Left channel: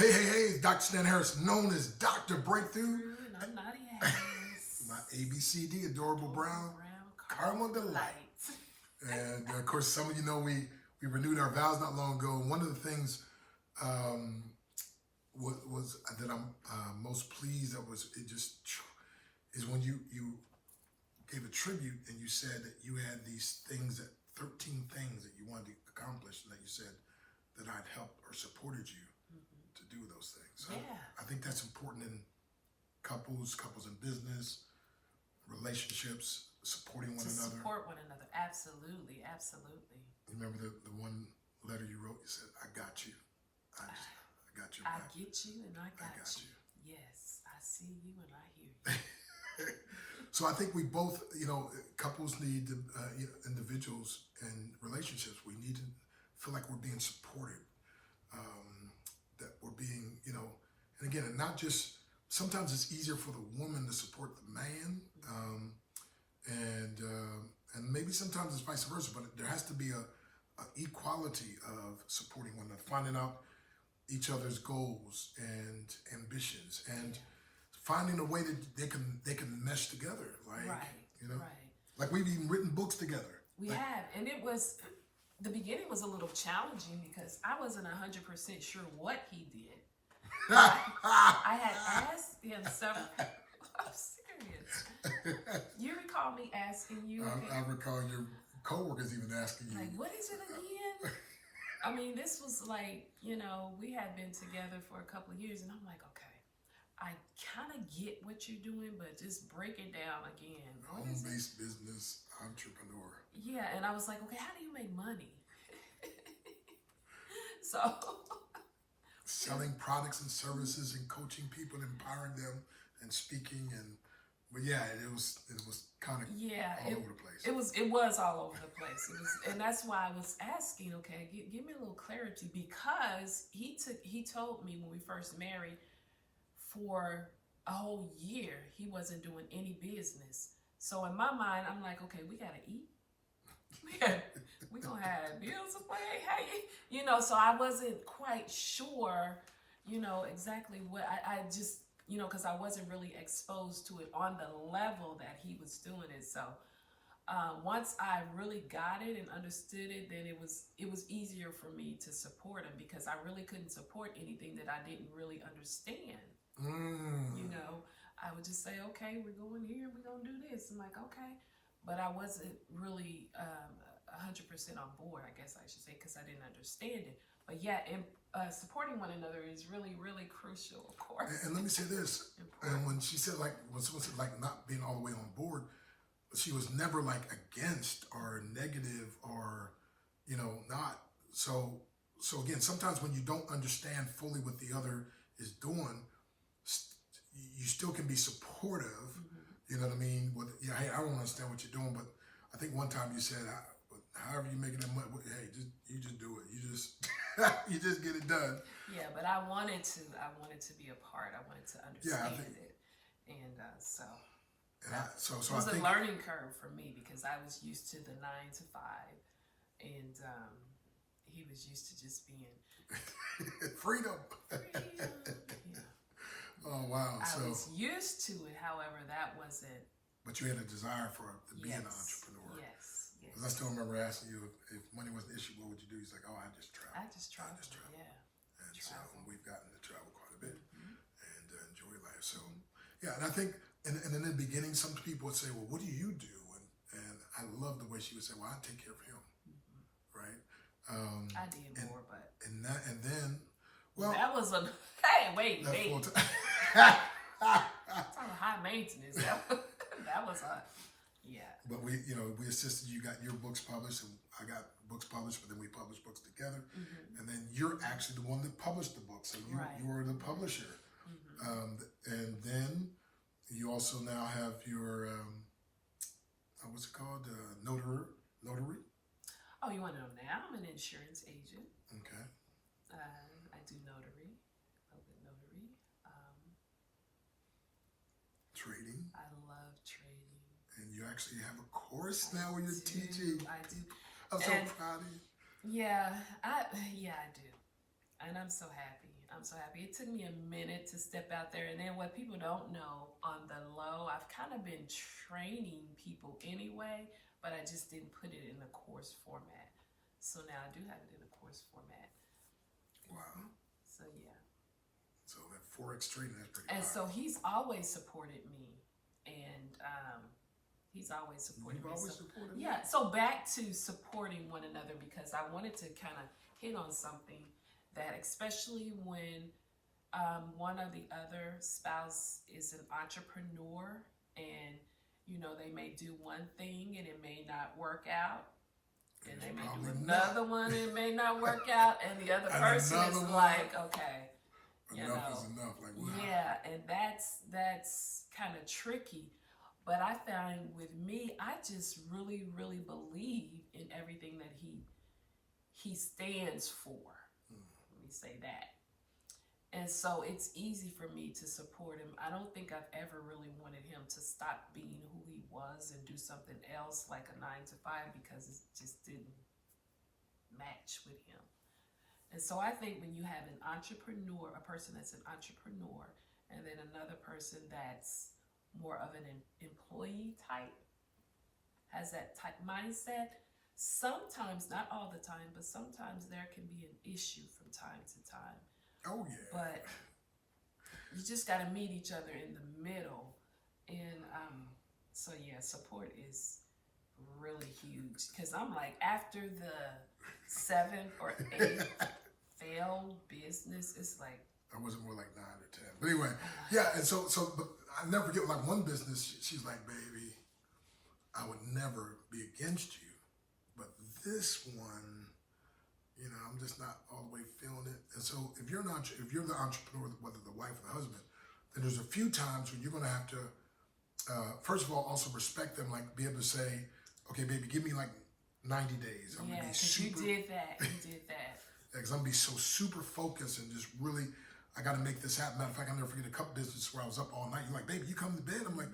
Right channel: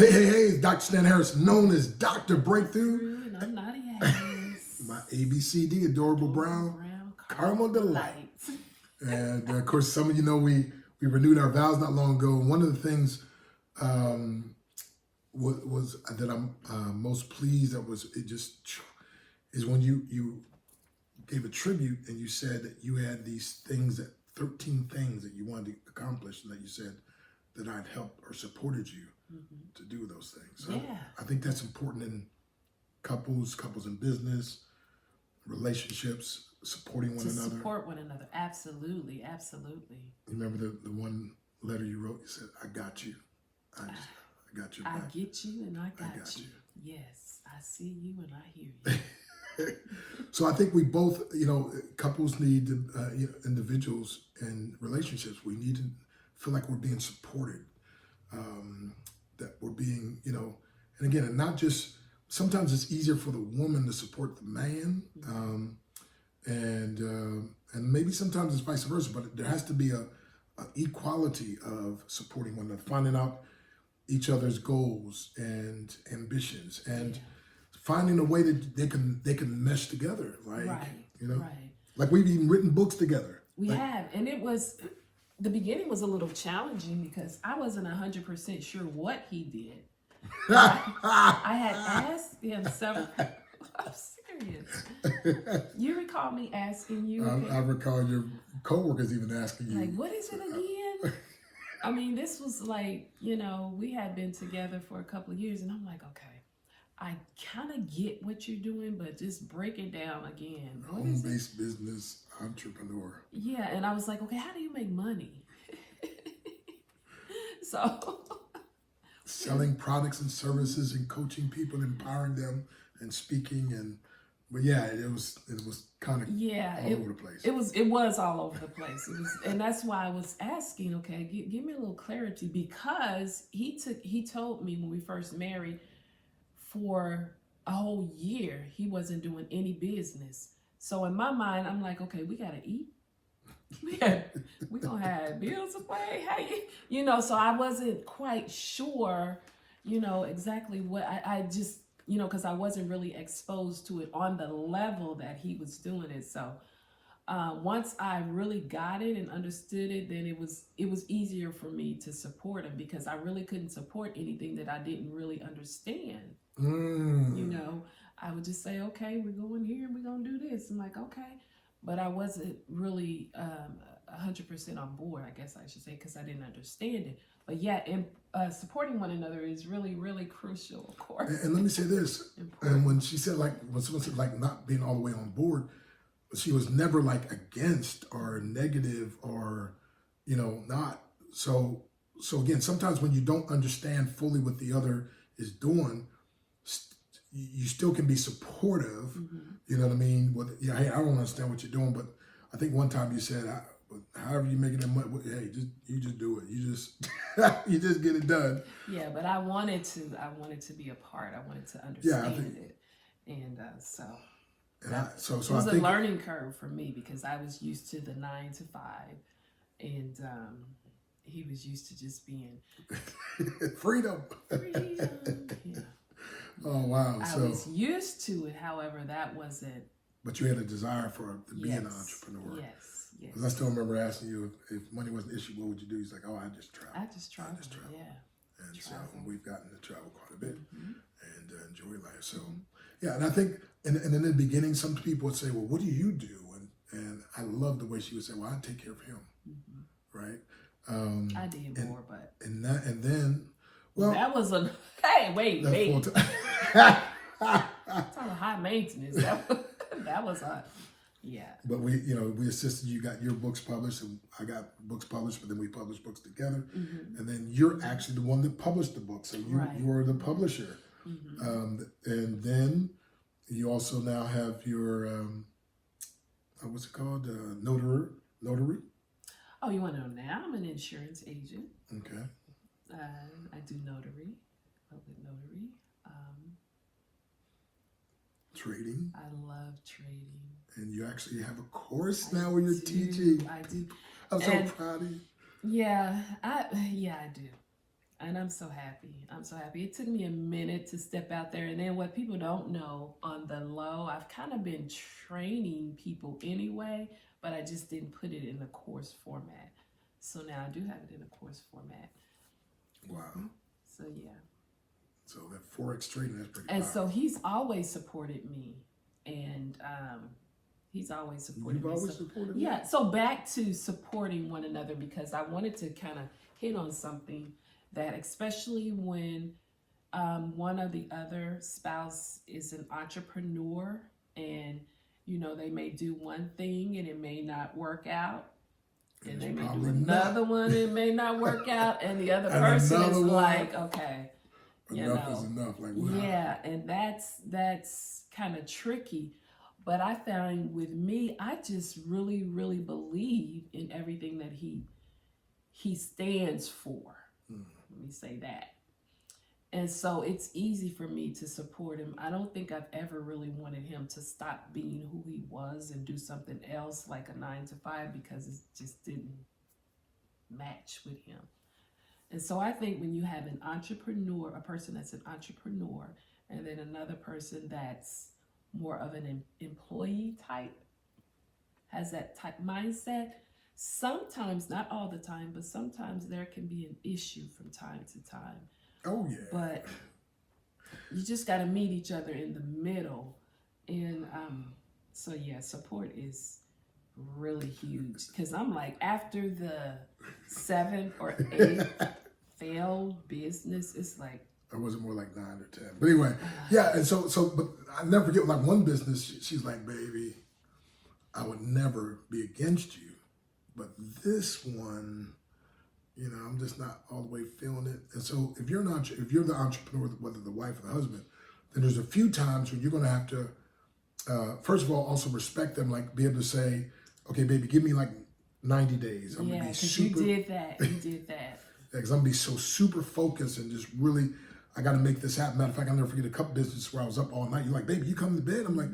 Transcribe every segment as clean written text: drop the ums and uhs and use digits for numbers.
Hey, Dr. Stan Harris, known as Dr. Breakthrough. And I'm Nadia Harris. My ABCD, Adorable Brown, Caramel Delight. And of course, some of you know we renewed our vows not long ago. And one of the things was that I'm most pleased is when you gave a tribute and you said that you had these things, 13 things that you wanted to accomplish, and that you said that I'd helped or supported you to do those things. So yeah. I think that's important in couples in business, relationships, supporting one another. Support one another. Absolutely. Remember the one letter you wrote? You said, I got you. I got your back. I get you and I got you. Yes, I see you and I hear you. So I think we both, couples need, individuals and relationships, we need to feel like we're being supported, that we're being, and again, and not just, sometimes it's easier for the woman to support the man, and maybe sometimes it's vice versa, but there has to be a equality of supporting one another, finding out each other's goals and ambitions, and finding a way that they can mesh together, like like we've even written books together. We have, and the beginning was a little challenging because I wasn't 100% sure what he did. I had asked him several. I'm serious. You recall me asking you? I recall your coworkers even asking you, like, what is it again? I mean, this was like, we had been together for a couple of years, and I'm like, okay, I kind of get what you're doing, but just break it down again. Home-based business entrepreneur. Yeah, and I was like, okay, how do you make money? So selling products and services and coaching people and empowering them and speaking but yeah, it was kind of all over the place. It was all over the place. And that's why I was asking, okay, give me a little clarity, because he told me when we first married, for a whole year he wasn't doing any business. So in my mind, I'm like, okay, we gotta eat. We gonna have bills to pay. Hey, so I wasn't quite sure, exactly what I just, because I wasn't really exposed to it on the level that he was doing it. So once I really got it and understood it, then it was easier for me to support him, because I really couldn't support anything that I didn't really understand. I would just say, okay, we're going here and we're gonna do this. I'm like, okay. But I wasn't really 100% on board, I guess I should say, because I didn't understand it. But yeah, supporting one another is really, really crucial, of course. And let me say this, and when she said, when someone said not being all the way on board, she was never against or negative or, not. So again, sometimes when you don't understand fully what the other is doing, you still can be supportive. You know what I mean? Hey, I don't understand what you're doing, but I think one time you said, however you making that money, hey, you just do it. You just you just get it done. Yeah, but I wanted to be a part. I wanted to understand it, and so. So it was a learning curve for me, because I was used to the 9 to 5, and he was used to just being freedom. Yeah. Oh wow! I was used to it, however, that wasn't. But you had a desire to be an entrepreneur. Yes. Because I still remember asking you if money was an issue, what would you do? He's like, oh, I just travel. Yeah. And so we've gotten to travel quite a bit and enjoy life. So yeah, and I think, and in the beginning, some people would say, well, what do you do? And I love the way she would say, well, I take care of him, right? I did more, but and then. Well, that was wait. That's high maintenance. That was yeah. But we assisted. You got your books published, and I got books published. But then we published books together, and then you're actually the one that published the book. So you were the publisher, and then you also now have your what's it called, notary. Oh, you want to know now? I'm an insurance agent. Okay. I do notary, public notary. Trading. I love trading. And you actually have a course now where you're teaching. I do. I'm so proud of you. Yeah, I do. And I'm so happy. I'm so happy. It took me a minute to step out there. And then what people don't know on the low, I've kind of been training people anyway, but I just didn't put it in the course format. So now I do have it in a course format. Wow. So yeah. So that Forex trading, that's pretty And powerful. so he's always supported me. And he's always supported You've me. always So, supported me? yeah. So back to supporting one another, because I wanted to kind of hit on something that, especially when one of the other spouse is an entrepreneur, and they may do one thing and it may not work out, and they may do another one and it may not work out, and the other person is like, okay, enough is enough. Like, wow. Yeah, and that's kind of tricky. But I found with me, I just really, really believe in everything that he stands for. Let me say that. And so it's easy for me to support him. I don't think I've ever really wanted him to stop being who he was and do something else like a 9 to 5, because it just didn't match with him. And so I think when you have an entrepreneur, a person that's an entrepreneur, and then another person that's more of an employee type, has that type mindset, sometimes, not all the time, but sometimes there can be an issue from time to time. Oh, yeah. But you just got to meet each other in the middle. And so, yeah, support is really huge. Because I'm like, after the 7th or 8th failed business, it's like, it wasn't more like 9 or 10. But anyway, yeah. And so, but I never forget, like one business, she's like, baby, I would never be against you. But this one, I'm just not all the way feeling it. And so if you're the entrepreneur, whether the wife or the husband, then there's a few times when you're going to have to, first of all, also respect them, like be able to say, okay, baby, give me like 90 days. I'm yeah, because you did that. You did that. Because I'm going to be so super focused and just really, I got to make this happen. Matter of fact, I'll never forget a couple businesses where I was up all night. You're like, baby, you come to bed? I'm like,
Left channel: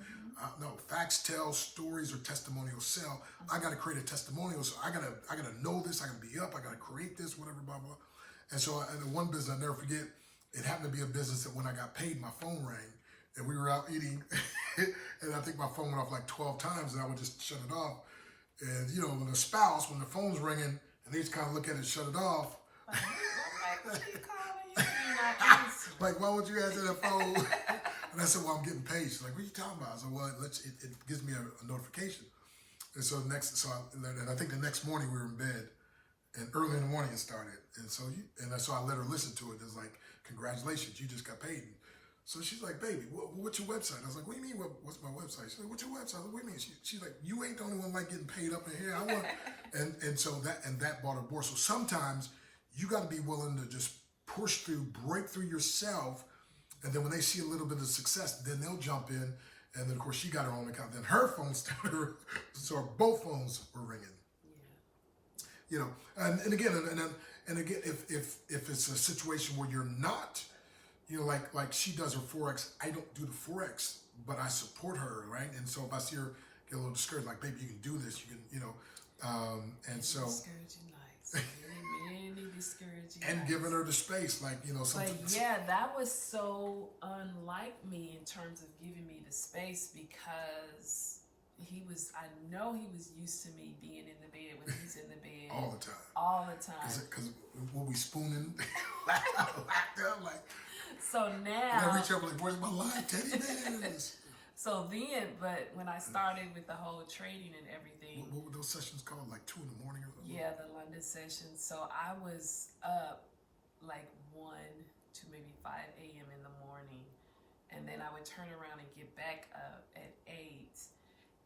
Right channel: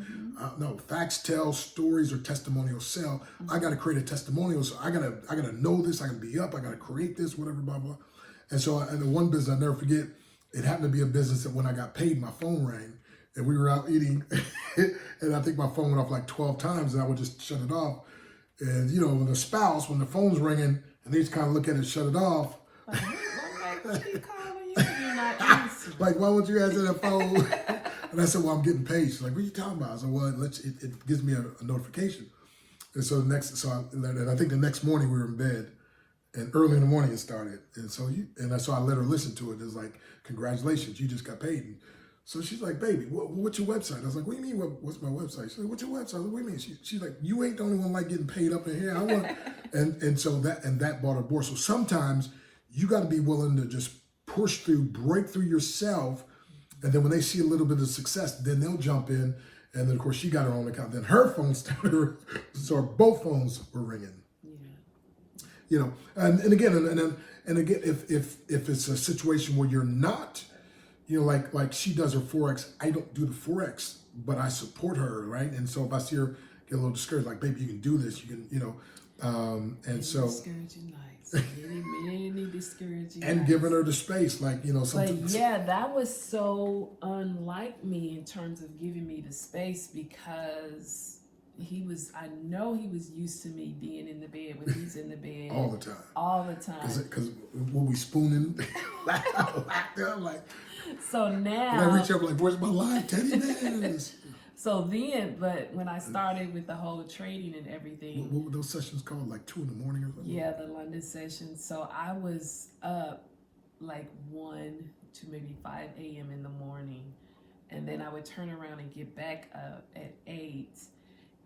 no, facts tell, stories or testimonials sell. I got to create a testimonial. So I got to know this. I got to be up. I got to create this, whatever, blah, blah. And so in the one business, I'll never forget, it happened to be a business that when I got paid, my phone rang and we were out eating. And I think my phone went off like 12 times and I would just shut it off. And, when the spouse, when the phone's ringing and they just kind of look at it and shut it off. Like, why won't you answer that phone? And I said, well, I'm getting paid. She's like, what are you talking about? I said, well, it gives me a notification. And so I think the next morning we were in bed, and early in the morning it started. And so I let her listen to it. It's like, congratulations, you just got paid. And so she's like, baby, what's your website? I was like, what do you mean, what's my website? She's like, what's your website? What do you mean? She's like, you ain't the only one like getting paid up in here. I want, and so that brought her aboard. So sometimes you got to be willing to just push through, break through yourself, and then when they see a little bit of success, then they'll jump in. And then of course she got her own account. Then her phone started, so both phones were ringing. Yeah. And again, if it's a situation where you're not, like she does her Forex, I don't do the Forex, but I support her, right? And so if I see her get a little discouraged, like, baby, you can do this, you can, and so. Discouraging nights. Many discouraging and nights. Giving her the space, like, sometimes. But yeah, that was so unlike me in terms of giving me the space, because I know he was used to me being in the bed when he's in the bed. All the time. All the time. Because when we spooning, I'm like. So now. And I reach up like, where's my live teddy bears? So then, but when I started with the whole trading and everything. What were those sessions called? Like 2 a.m. or something? Yeah, the London session. So I was up like 1 to maybe 5 a.m. in the morning. And then I would turn around and get back up at 8.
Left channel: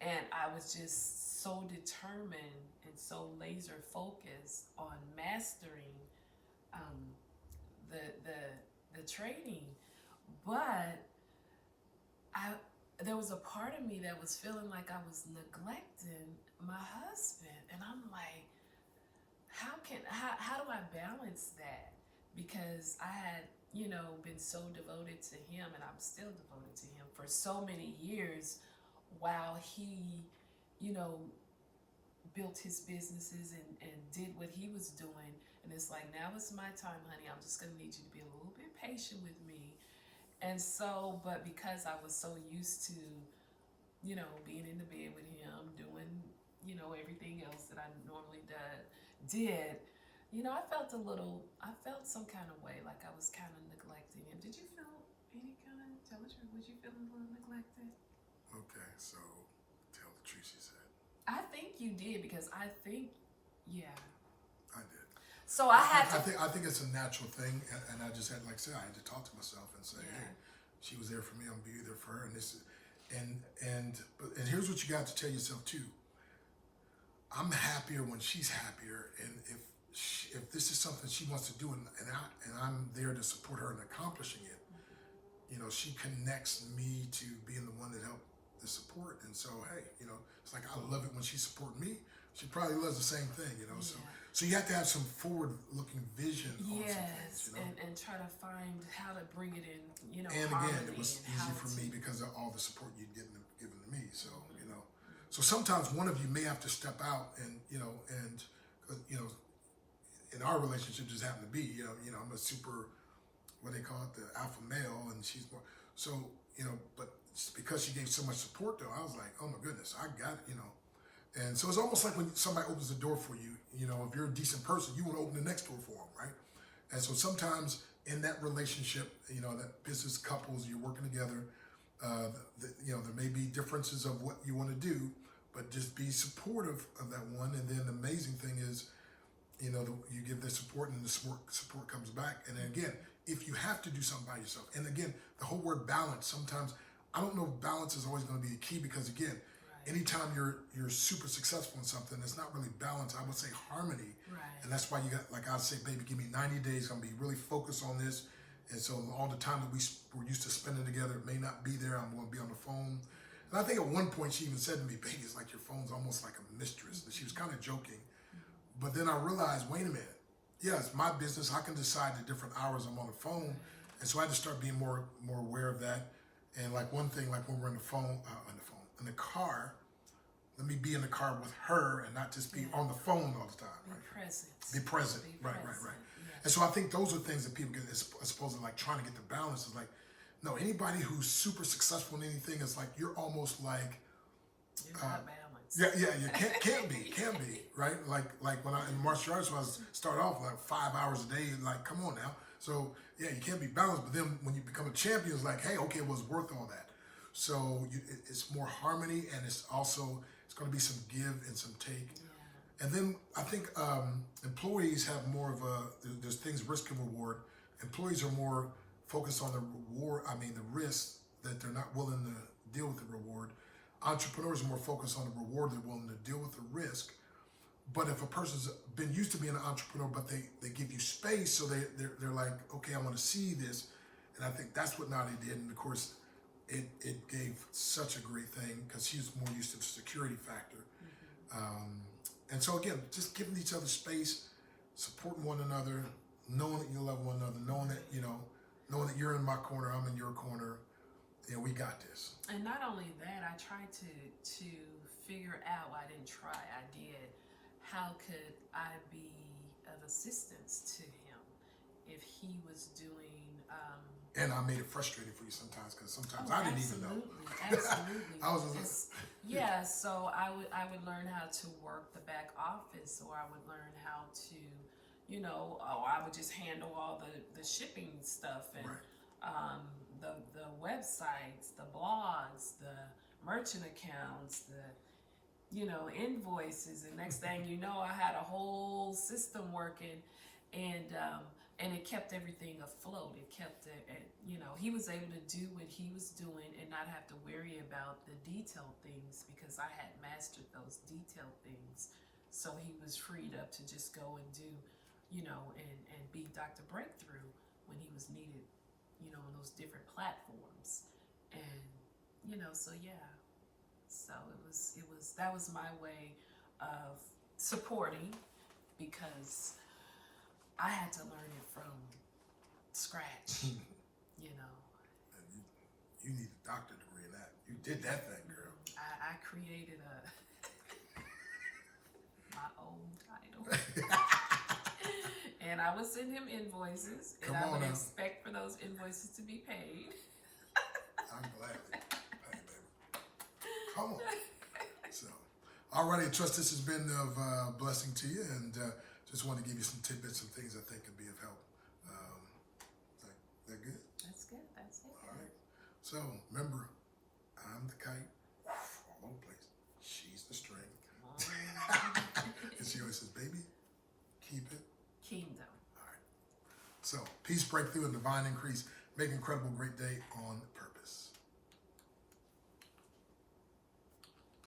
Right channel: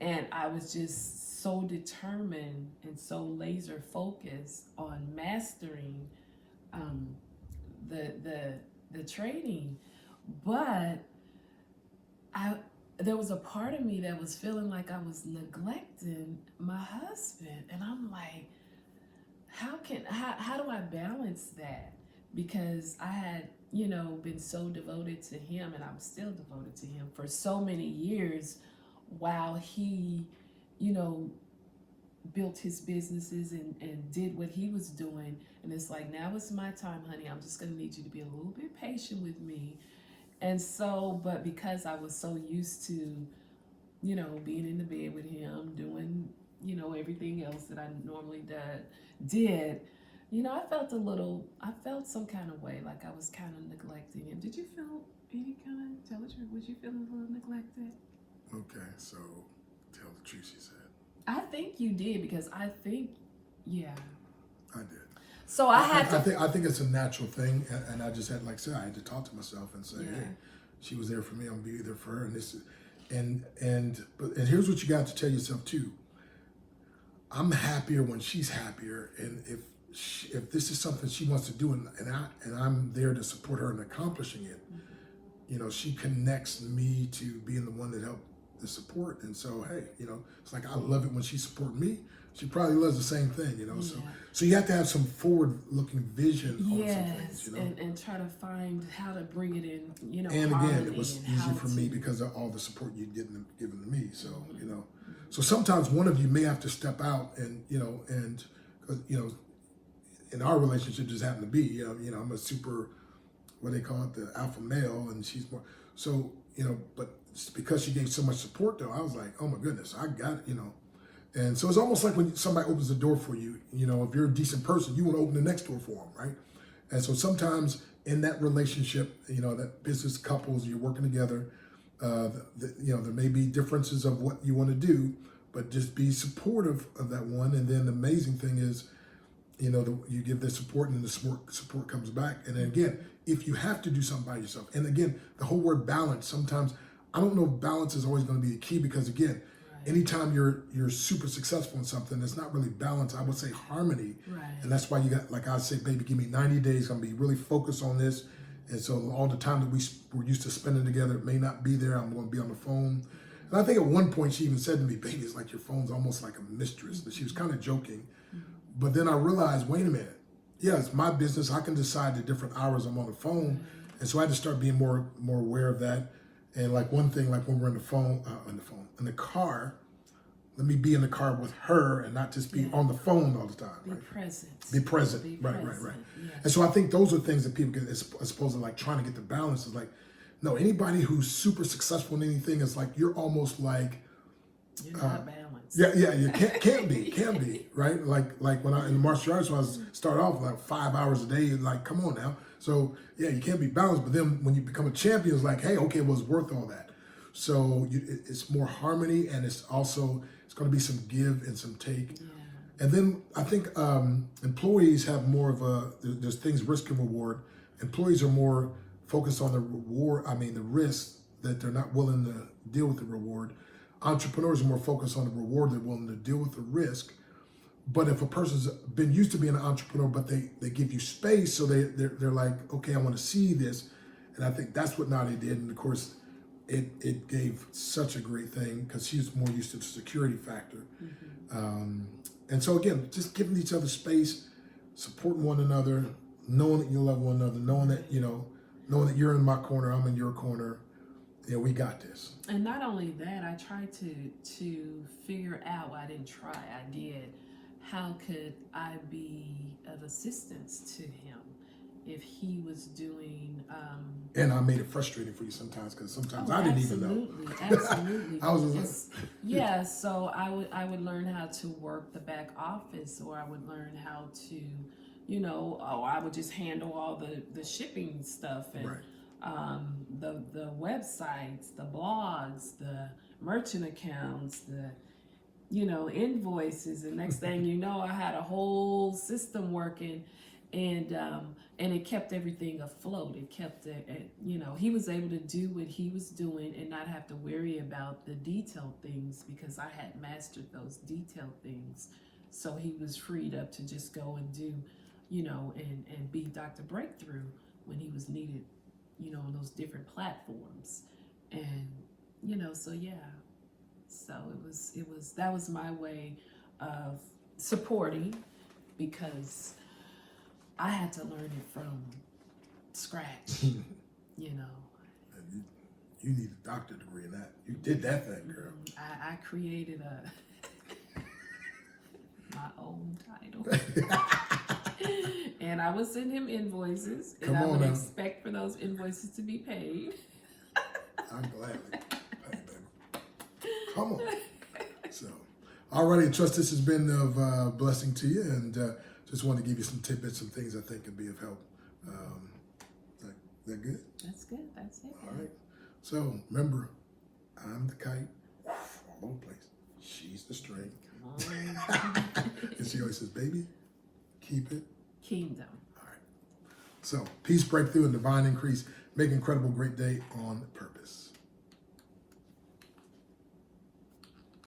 And I was just so determined and so laser focused on mastering the trading. But there was a part of me that was feeling like I was neglecting my husband. And I'm like, how do I balance that? Because I had, been so devoted to him, and I'm still devoted to him for so many years, while he, built his businesses and did what he was doing. And it's like, now it's my time, honey. I'm just going to need you to be a little bit patient with me. And so, but because I was so used to, being in the bed with him, doing, everything else that I normally did, I felt some kind of way, like I was kind of neglecting him. Did you feel any kind of, tell the truth, was you feeling a little neglected? Okay, so tell the truth, she said. I think you did, because I think, yeah. I did. So I think it's a natural thing, and I just had, like I said, I had to talk to myself and say, hey, she was there for me, I'm gonna be there for her, and this is, and here's what you got to tell yourself too. I'm happier when she's happier, and if this is something she wants to do, and I'm there to support her in accomplishing it, she connects me to being the one that helped the support, and so hey, it's like I love it when she supports me. She probably loves the same thing, So you have to have some forward-looking vision on some things, and try to find how to bring it in, And again, it was easy for me because of all the support you'd given to me. So so sometimes one of you may have to step out, and in our relationship just happened to be, I'm a super, what they call it, the alpha male, and she's more. So but because she gave so much support, though, I was like, oh my goodness, I got it, And so it's almost like when somebody opens the door for you, if you're a decent person, you want to open the next door for them, right? And so sometimes in that relationship, that business couples, you're working together, there may be differences of what you want to do, but just be supportive of that one. And then the amazing thing is, you give the support, and then the support comes back. And then again, if you have to do something by yourself, and again, the whole word balance, sometimes, I don't know if balance is always going to be a key, because again, anytime you're super successful in something, it's not really balance. I would say harmony. Right. And that's why you got, like I say, baby, give me 90 days. I'm going to be really focused on this. And so all the time that we're used to spending together, it may not be there. I'm going to be on the phone. And I think at one point she even said to me, baby, it's like your phone's almost like a mistress. But she was kind of joking. But then I realized, wait a minute. Yeah, it's my business. I can decide the different hours I'm on the phone. And so I had to start being more aware of that. And like one thing, like when we're in the car, let me be in the car with her and not just be on the phone all the time. Be right? present. Be present. Right. Yes. And so I think those are things that people get, as opposed to like trying to get the balance, is like, no, anybody who's super successful in anything is like, you're almost like, you're not balanced. Yeah, you can be, right? Like when I in martial arts, when I start off like 5 hours a day, like, come on now. So yeah, you can't be balanced, but then when you become a champion, it's like, hey, okay, well, it's worth all that. So it's more harmony, and it's going to be some give and some take. Yeah. And then I think employees have more of there's things risk and reward. Employees are more focused on the reward, the risk, that they're not willing to deal with the reward. Entrepreneurs are more focused on the reward, they're willing to deal with the risk. But if a person's been used to being an entrepreneur, but they give you space, so they're like, okay, I want to see this. And I think that's what Nadia did. And of course, it gave such a great thing, because she's more used to the security factor. And so again, just giving each other space, supporting one another, knowing that you love one another, knowing that you're in my corner, I'm in your corner. Yeah, we got this. And not only that, I tried to figure out, well, I didn't try, I did, how could I be of assistance to him if he was doing... and I made it frustrating for you sometimes, because sometimes I didn't even know. Absolutely. I was yeah, so I would learn how to work the back office, or I would learn how to, I would just handle all the shipping stuff, and the websites, the blogs, the merchant accounts, the invoices, and next thing you know, I had a whole system working, and it kept everything afloat. It kept he was able to do what he was doing and not have to worry about the detailed things, because I had mastered those detailed things. So he was freed up to just go and do, and be Dr. Breakthrough when he was needed, on those different platforms. And, so yeah. So that was my way of supporting, because I had to learn it from scratch, You need a doctorate degree in that. You did that thing, girl. I created my old title. And I would send him invoices, and I would expect for those invoices to be paid. I'm glad. Hey, baby. Come on. So, alrighty, I trust this has been of blessing to you, and just want to give you some tidbits, some things I think could be of help. That good? That's good. That's it. All right. So remember, I'm the kite, all over the place. She's the string. And she always says, "Baby, keep it Kingdom." All right. So peace, breakthrough, and divine increase. Make an incredible great day on purpose.